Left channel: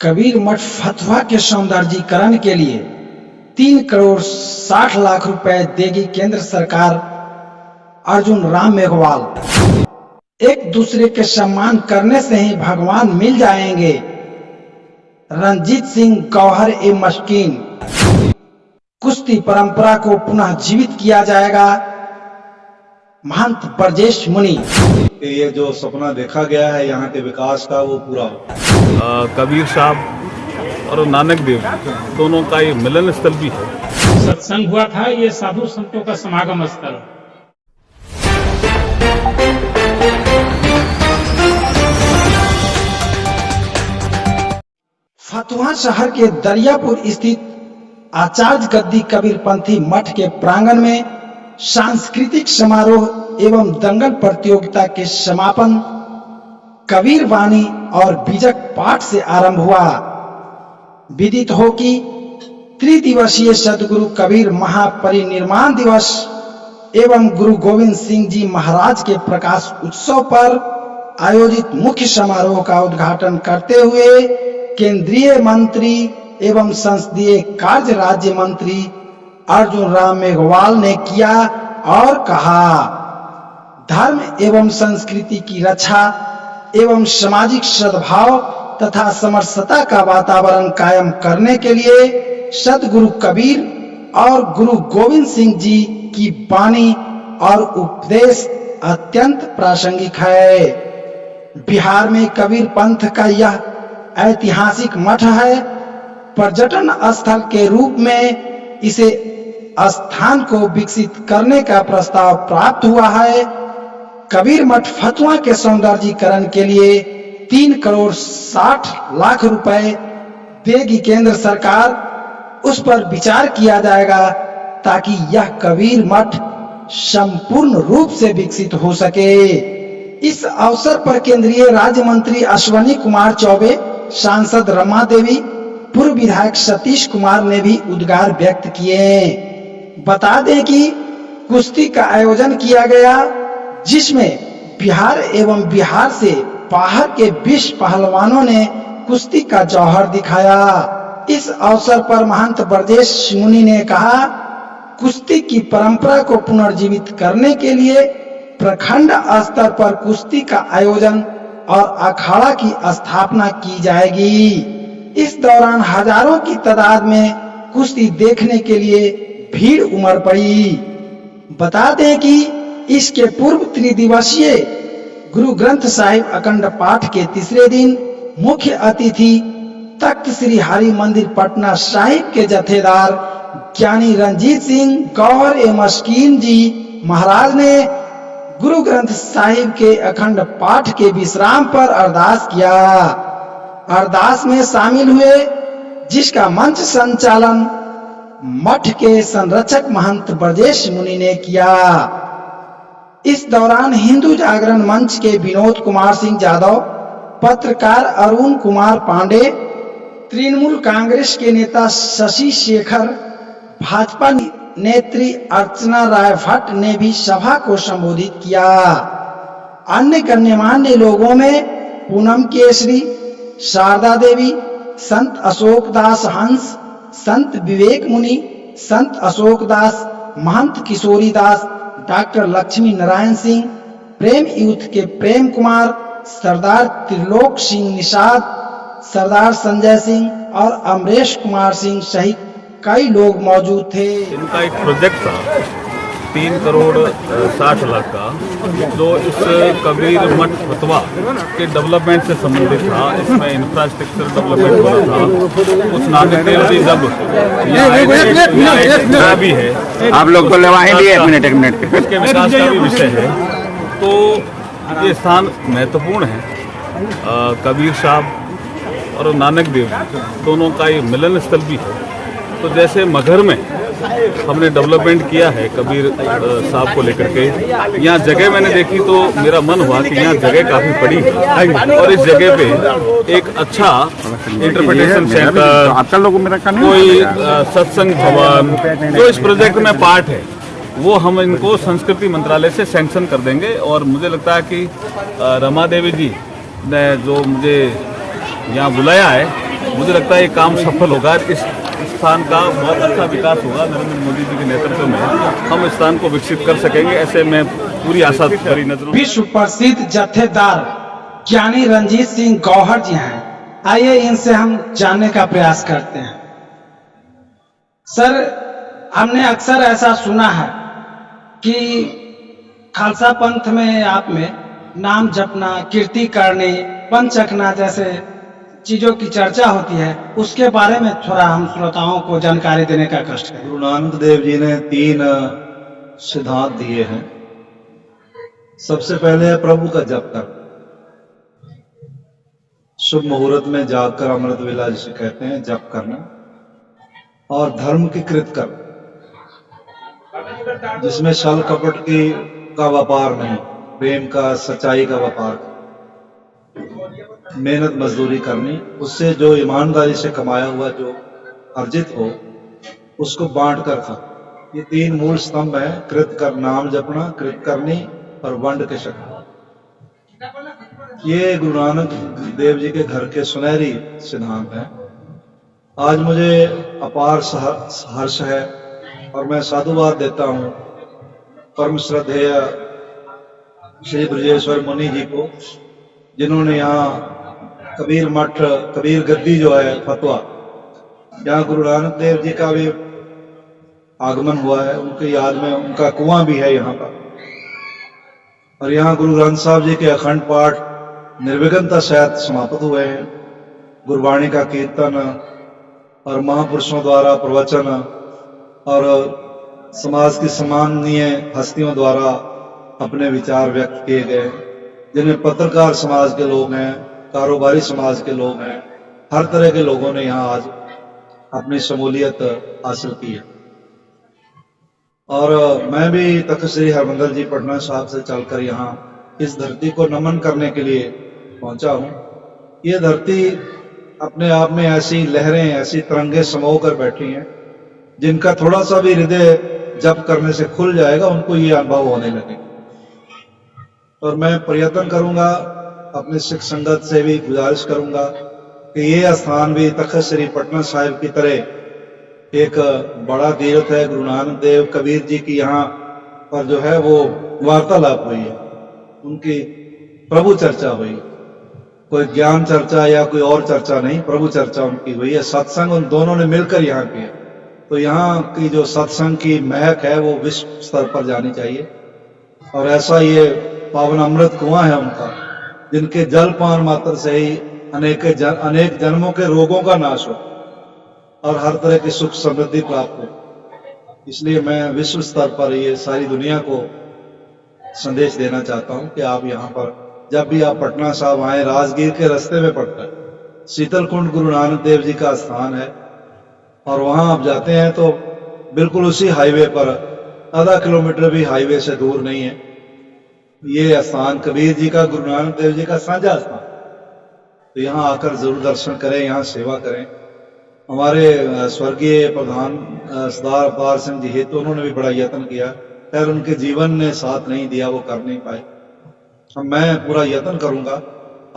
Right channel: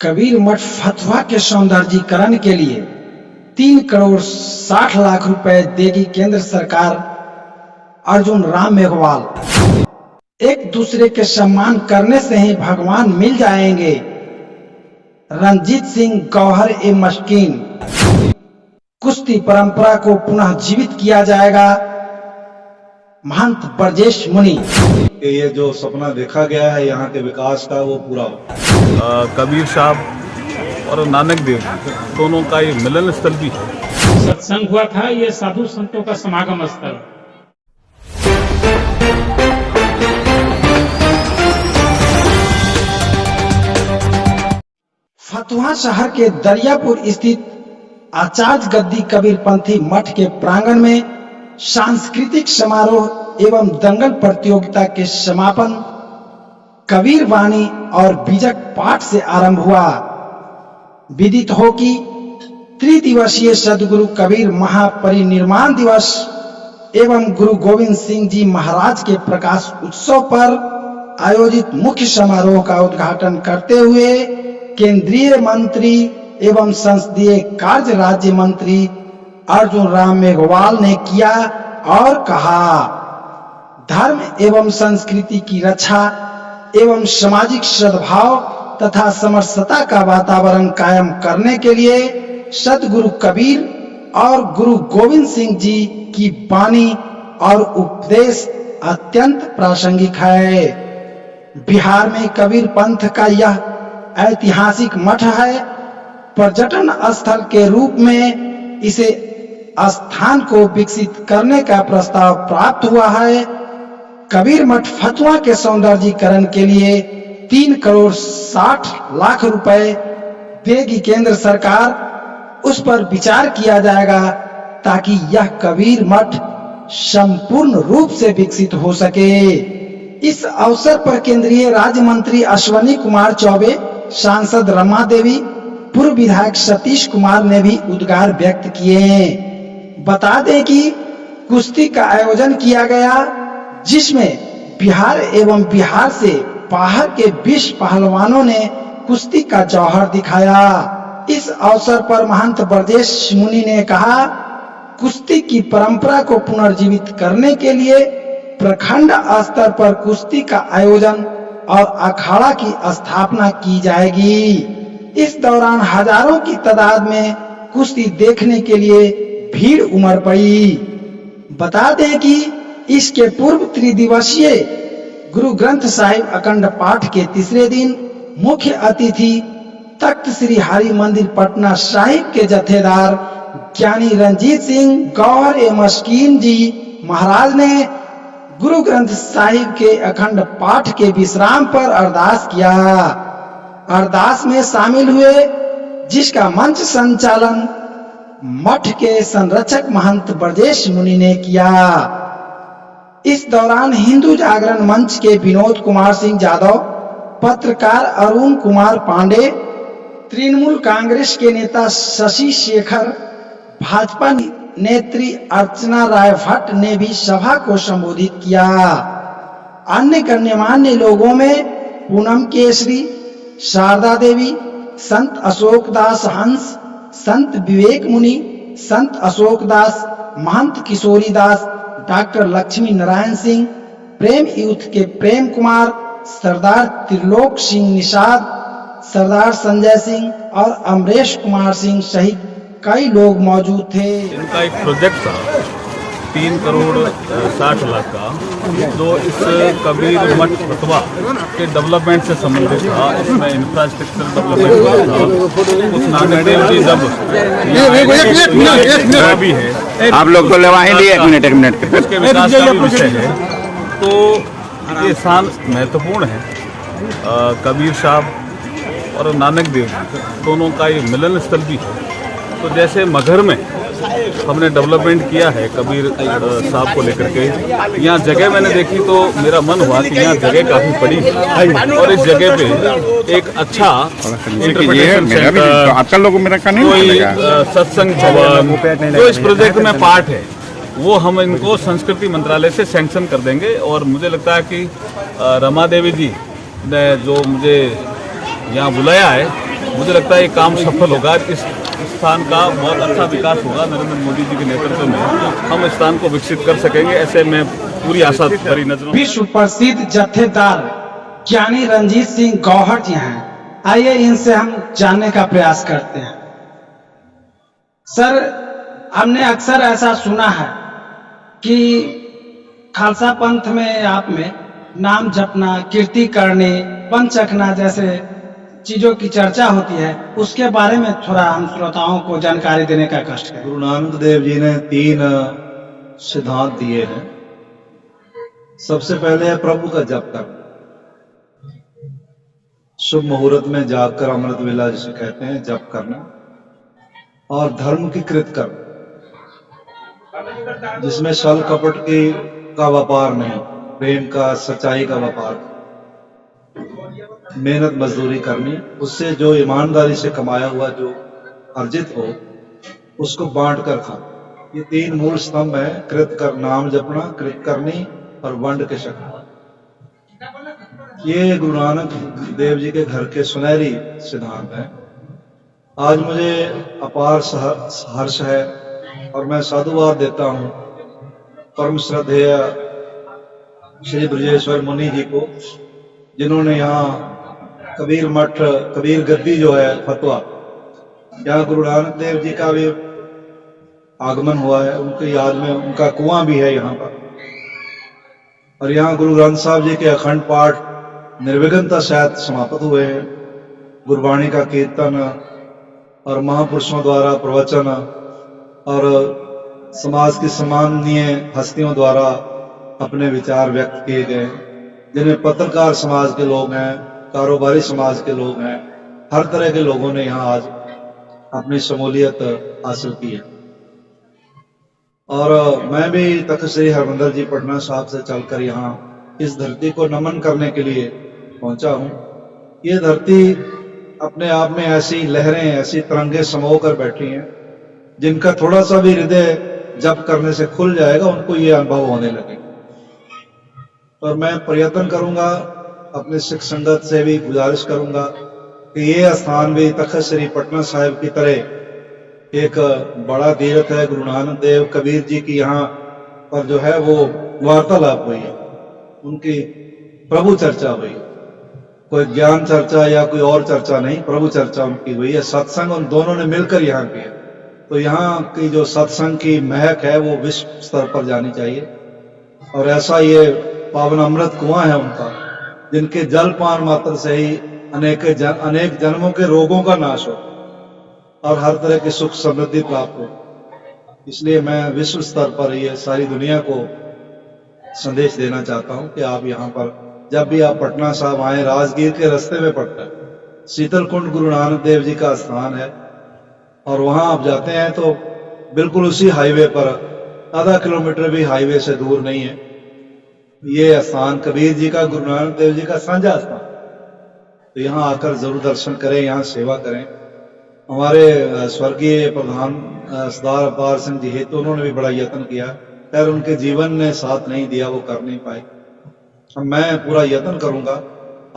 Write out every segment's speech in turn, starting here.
कबीर मठ फतवा के सौंदर्यीकरण के लिए 3 करोड़ 60 लाख रुपए देगी केंद्र सरकार। अर्जुन राम मेघवाल। एक दूसरे के सम्मान करने से ही भगवान मिल जाएंगे। रणजीत सिंह गौहर ए मस्कीन। कुश्ती परंपरा को पुनः जीवित किया जाएगा। महंत ब्रजेश मुनि। ये जो सपना देखा गया है यहाँ के विकास का वो पूरा हो। कबीर साहब और नानक देव दोनों का ये मिलन स्थल भी है। सत्संग हुआ था, ये साधु संतों का समागम स्थल। फतुहा शहर के दरियापुर स्थित आचार्य गद्दी कबीरपंथी मठ के प्रांगण में सांस्कृतिक समारोह एवं दंगल प्रतियोगिता के समापन कबीर वाणी और बीजक पाठ से आरंभ हुआ। विदित हो कि त्रिदिवसीय सदगुरु कबीर महापरिनिर्वाण दिवस एवं गुरु गोविंद सिंह जी महाराज के प्रकाश उत्सव पर आयोजित मुख्य समारोह का उद्घाटन करते हुए केंद्रीय मंत्री एवं संसदीय कार्य राज्य मंत्री अर्जुन राम मेघवाल ने किया और कहा, धर्म एवं संस्कृति की रक्षा एवं सामाजिक सद्भाव तथा समरसता का वातावरण कायम करने के लिए सतगुरु कबीर और गुरु गोविंद सिंह जी की वाणी और उपदेश अत्यंत प्रासंगिक है। बिहार में कबीर पंथ का यह ऐतिहासिक मठ है। पर्यटन स्थल के रूप में इसे स्थान को विकसित करने का प्रस्ताव प्राप्त हुआ है। कबीर मठ फतुहा के सौंदर्यीकरण के लिए 3 करोड़ 60 लाख रुपए देगी केंद्र सरकार। उस पर विचार किया जाएगा ताकि यह कबीर मठ संपूर्ण रूप से विकसित हो सके। इस अवसर पर केंद्रीय राज्य मंत्री अश्विनी कुमार चौबे, सांसद रमा देवी, पूर्व विधायक सतीश कुमार ने भी उद्गार व्यक्त किए। बता दें कि कुश्ती का आयोजन किया गया जिसमें बिहार एवं बिहार से बाहर के 20 पहलवानों ने कुश्ती का जौहर दिखाया। इस अवसर पर महंत ब्रजेश मुनि ने कहा, कुश्ती की परंपरा को पुनर्जीवित करने के लिए प्रखंड स्तर पर कुश्ती का आयोजन और अखाड़ा की स्थापना की जाएगी। इस दौरान हजारों की तादाद में कुश्ती देखने के लिए भीड़ उमड़ पड़ी। बता दें कि इसके पूर्व त्रिदिवसीय गुरु ग्रंथ साहिब अखंड पाठ के तीसरे दिन मुख्य अतिथि तख्त श्री हरि मंदिर पटना साहिब के जथेदार ज्ञानी रणजीत सिंह गौहर ए मस्कीन जी महाराज ने गुरु ग्रंथ साहिब के अखंड पाठ के विश्राम पर अरदास किया। अरदास में शामिल हुए जिसका मंच संचालन मठ के संरक्षक महंत ब्रजेश मुनि ने किया। इस दौरान हिंदू जागरण मंच के विनोद कुमार सिंह यादव, पत्रकार अरुण कुमार पांडे, तृणमूल कांग्रेस के नेता शशि शेखर, भाजपा नेत्री अर्चना राय भट्ट ने भी सभा को संबोधित किया। अन्य गण्यमान्य लोगों में पूनम केसरी, शारदा देवी, संत अशोक दास हंस, संत विवेक मुनि, संत अशोक दास, महंत किशोरी दास, डॉक्टर लक्ष्मी नारायण सिंह, प्रेम यूथ के प्रेम कुमार, सरदार त्रिलोक सिंह निषाद, सरदार संजय सिंह और अमरेश कुमार सिंह सहित कई लोग मौजूद थे। इनका एक प्रोजेक्ट था 3 करोड़ 60 लाख का, जो इस कबीर मठ फतवा के डेवलपमेंट से संबंधित था। इसमें इंफ्रास्ट्रक्चर डेवलपमेंट हो रहा था। कुछ नानक देव जी जब यहाँ भी है, आप लोग एक मिनट उसके विकास का भी विषय है, तो ये स्थान महत्वपूर्ण है। कबीर साहब और नानक देव दोनों का ये मिलन स्थल भी है। तो जैसे मगहर में हमने डेवलपमेंट किया है कबीर साहब को लेकर के, यहाँ जगह मैंने देखी तो मेरा मन हुआ कि यहाँ जगह काफी पड़ी है और इस जगह पे एक अच्छा इंटरप्रिटेशन सेंटर, कोई सत्संग भवन, जो इस प्रोजेक्ट में पार्ट है वो हम इनको संस्कृति मंत्रालय से सैंक्शन कर देंगे। और मुझे लगता है कि रमा देवी जी ने जो मुझे यहाँ बुलाया है मुझे लगता है ये काम सफल होगा। इस स्थान का बहुत अच्छा विकास होगा। नरेंद्र मोदी जी के नेतृत्व में हम इस स्थान को विकसित कर सकेंगे, ऐसे में पूरी आशा भरी नजरों। विश्व प्रसिद्ध जत्थेदार ज्ञानी रंजीत सिंह गौहर जी हैं। आइए इनसे हम जानने का प्रयास करते हैं। सर, हमने अक्सर ऐसा सुना है कि खालसा पंथ में आप में नाम जपना, कीर्ति करनी, पंचकना जैसे चीजों की चर्चा होती है, उसके बारे में थोड़ा हम श्रोताओं को जानकारी देने का कष्ट करें। गुरु नानक देव जी ने 3 सिद्धांत दिए हैं। सबसे पहले है प्रभु का जप कर, शुभ मुहूर्त में जागकर अमृत वेला जिसे कहते हैं जप करना, और धर्म की कृत कर, जिसमें छल कपट का व्यापार नहीं, प्रेम का, सच्चाई का व्यापार, मेहनत मजदूरी करनी, उससे जो ईमानदारी से कमाया हुआ जो अर्जित हो उसको बांट कर खा। ये 3 मूल स्तंभ हैं। कृत कर, नाम जपना, कृत करनी और वंड के शक्ति। ये गुरु नानक देव जी के घर के सुनहरी सिद्धांत हैं। आज मुझे अपार हर्ष है और मैं साधुवाद देता हूँ परम श्रद्धेय श्री ब्रजेश्वर मुनि जी को, जिन्होंने यहाँ कबीर मठ, कबीर गद्दी जो है फतवा, यहाँ गुरु नानक देव जी का भी आगमन हुआ है, उनकी याद में उनका कुआं भी है यहाँ पर। और यहाँ गुरु ग्रंथ साहब जी के अखंड पाठ निर्विघ्नता सहित समाप्त हुए हैं। गुरबाणी का कीर्तन और महापुरुषों द्वारा प्रवचन और समाज की सम्माननीय हस्तियों द्वारा अपने विचार व्यक्त किए गए, जिनमें पत्रकार समाज के लोग हैं, कारोबारी समाज के लोग हैं, हर तरह के लोगों ने यहाँ आज अपनी शमूलियत हासिल की है। और मैं भी तख्त श्री हरमंदिर जी पटना साहब से चलकर यहाँ इस धरती को नमन करने के लिए पहुंचा हूँ। ये धरती अपने आप में ऐसी लहरें, ऐसी तरंगे समो कर बैठी हैं, जिनका थोड़ा सा भी हृदय जप करने से खुल जाएगा, उनको ये अनुभव होने लगेगा। और मैं प्रयत्न करूंगा, अपने सिख संगत से भी गुजारिश करूंगा कि ये स्थान भी तख्त श्री पटना साहिब की तरह एक बड़ा तीर्थ है। गुरु नानक देव कबीर जी की यहाँ पर जो है वो वार्तालाप हुई है, उनकी प्रभु चर्चा हुई, कोई ज्ञान चर्चा या कोई और चर्चा नहीं, प्रभु चर्चा उनकी हुई है। सत्संग उन दोनों ने मिलकर यहाँ किया। तो यहाँ की जो सत्संग की महक है वो विश्व स्तर पर जानी चाहिए। और ऐसा ये पावन अमृत कुआं है उनका, जिनके जलपान मात्र से ही अनेक जन्मों के रोगों का नाश हो और हर तरह की सुख समृद्धि प्राप्त हो। इसलिए मैं विश्व स्तर पर ये सारी दुनिया को संदेश देना चाहता हूं कि आप यहाँ पर जब भी आप पटना साहब आए, राजगीर के रास्ते में पड़ता है, शीतल कुंड गुरु नानक देव जी का स्थान है, और वहां आप जाते हैं तो बिल्कुल उसी हाईवे पर, आधा किलोमीटर भी हाईवे से दूर नहीं है, ये स्थान कबीर जी का, गुरु नानक देव जी का साझा स्थान। तो यहाँ आकर जरूर दर्शन करें, यहाँ सेवा करें। हमारे स्वर्गीय प्रधान सरदार अवतार सिंह जी हेतु उन्होंने भी बड़ा यत्न किया, खैर उनके जीवन ने साथ नहीं दिया, वो कर नहीं पाए। अब मैं पूरा यत्न करूंगा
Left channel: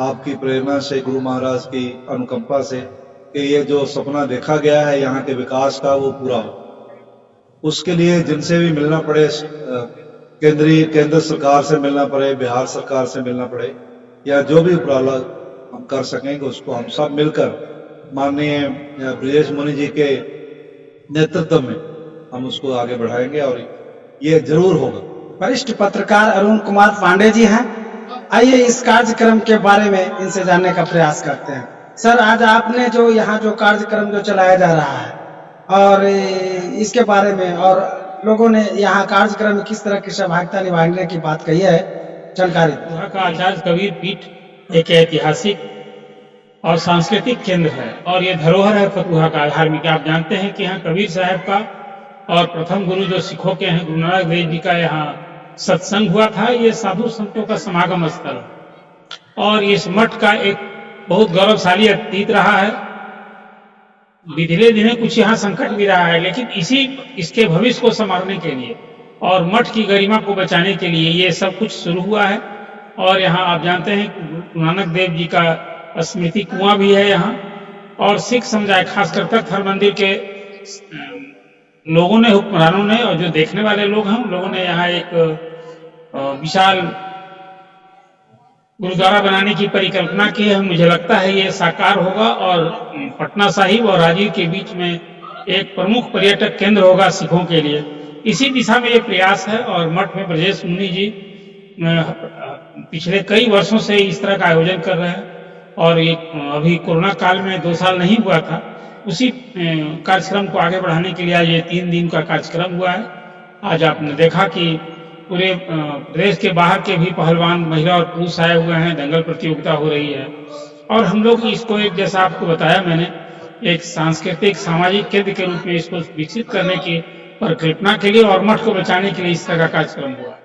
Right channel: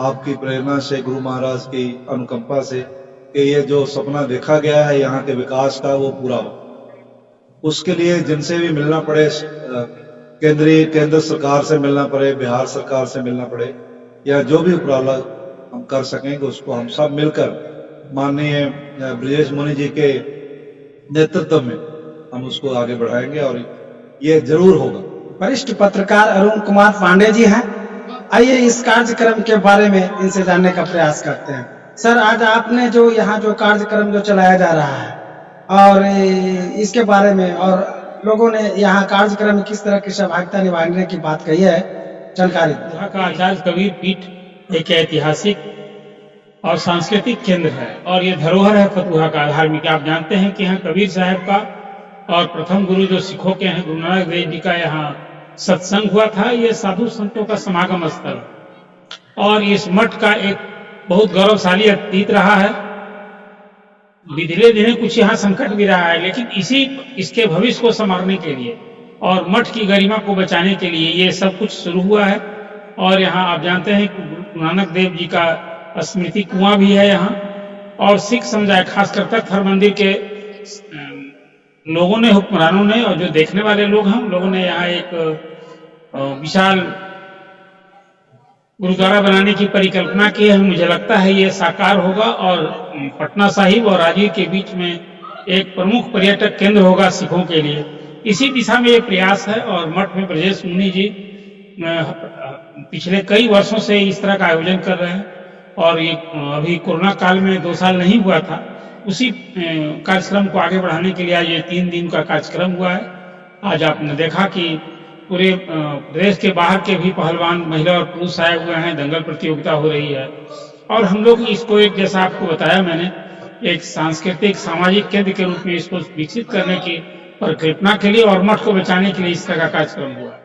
आपकी प्रेरणा से, गुरु महाराज की अनुकंपा से, कि ये जो सपना देखा गया है यहाँ के विकास का वो पूरा हो। उसके लिए जिनसे भी मिलना पड़े, केंद्र सरकार से मिलना पड़े, बिहार सरकार से मिलना पड़े, या जो भी उपराला हम कर सकेंगे, उसको हम सब मिलकर माननीय ब्रजेश मुनि जी के नेतृत्व में हम उसको आगे बढ़ाएंगे और ये जरूर होगा। वरिष्ठ पत्रकार अरुण कुमार पांडे जी हैं। आइए इस कार्यक्रम के बारे में इनसे जानने का प्रयास करते हैं। सर, आज आपने जो यहाँ जो कार्यक्रम जो चलाया जा रहा है और इसके बारे में, और लोगों ने यहाँ कार्यक्रम में किस तरह की सहभागिता निभाने की बात कही है, जानकारी। यहाँ का आचार्य कबीर पीठ एक ऐतिहासिक और सांस्कृतिक केंद्र है और ये धरोहर है फतुहा का, धार्मिक। आप जानते हैं कि यहाँ कबीर साहब का और प्रथम गुरु जो सिखों के हैं गुरु नानक देव जी का यहाँ सत्संग हुआ था। ये साधु संतों का समागम स्थल और इस मठ का एक बहुत गौरवशाली अतीत रहा है। पिछले दिनों कुछ यहाँ संकट भी रहा है, लेकिन इसके भविष्य को संवारने के लिए और मठ की गरिमा को बचाने के लिए ये सब कुछ शुरू हुआ है। और यहाँ आप जानते हैं कि गुरु नानक देव जी का स्मृति कुआं भी है यहाँ, और सिख समुदाय खासकर तख्त हरमंदिर के लोगों ने, हुक्मरानों ने और जो देखने वाले लोग हैं उन लोगों ने यहाँ एक विशाल गुरुद्वारा बनाने की परिकल्पना की है। मुझे लगता है ये साकार होगा और पटना साहिब और राजगीर के बीच में एक प्रमुख पर्यटक केंद्र होगा सिखों के लिए। इसी दिशा में ये प्रयास है और मठ में ब्रजेश मुनि जी पिछले कई वर्षों से इस तरह का आयोजन कर रहे हैं और ये अभी कोरोना काल में 2 साल नहीं हुआ था, उसी कार्यक्रम को आगे बढ़ाने के लिए आज ये 3 दिन का कार्यक्रम हुआ है। आज आपने देखा कि पूरे प्रदेश के बाहर के भी पहलवान महिला और पुरुष आए हुए हैं, दंगल प्रतियोगिता हो रही है और हम लोग इसको एक, जैसा आपको बताया मैंने, एक सांस्कृतिक सामाजिक केंद्र के रूप में इसको विकसित करने की परिकल्पना के लिए और मठ को बचाने के लिए इस तरह का कार्यक्रम हुआ है।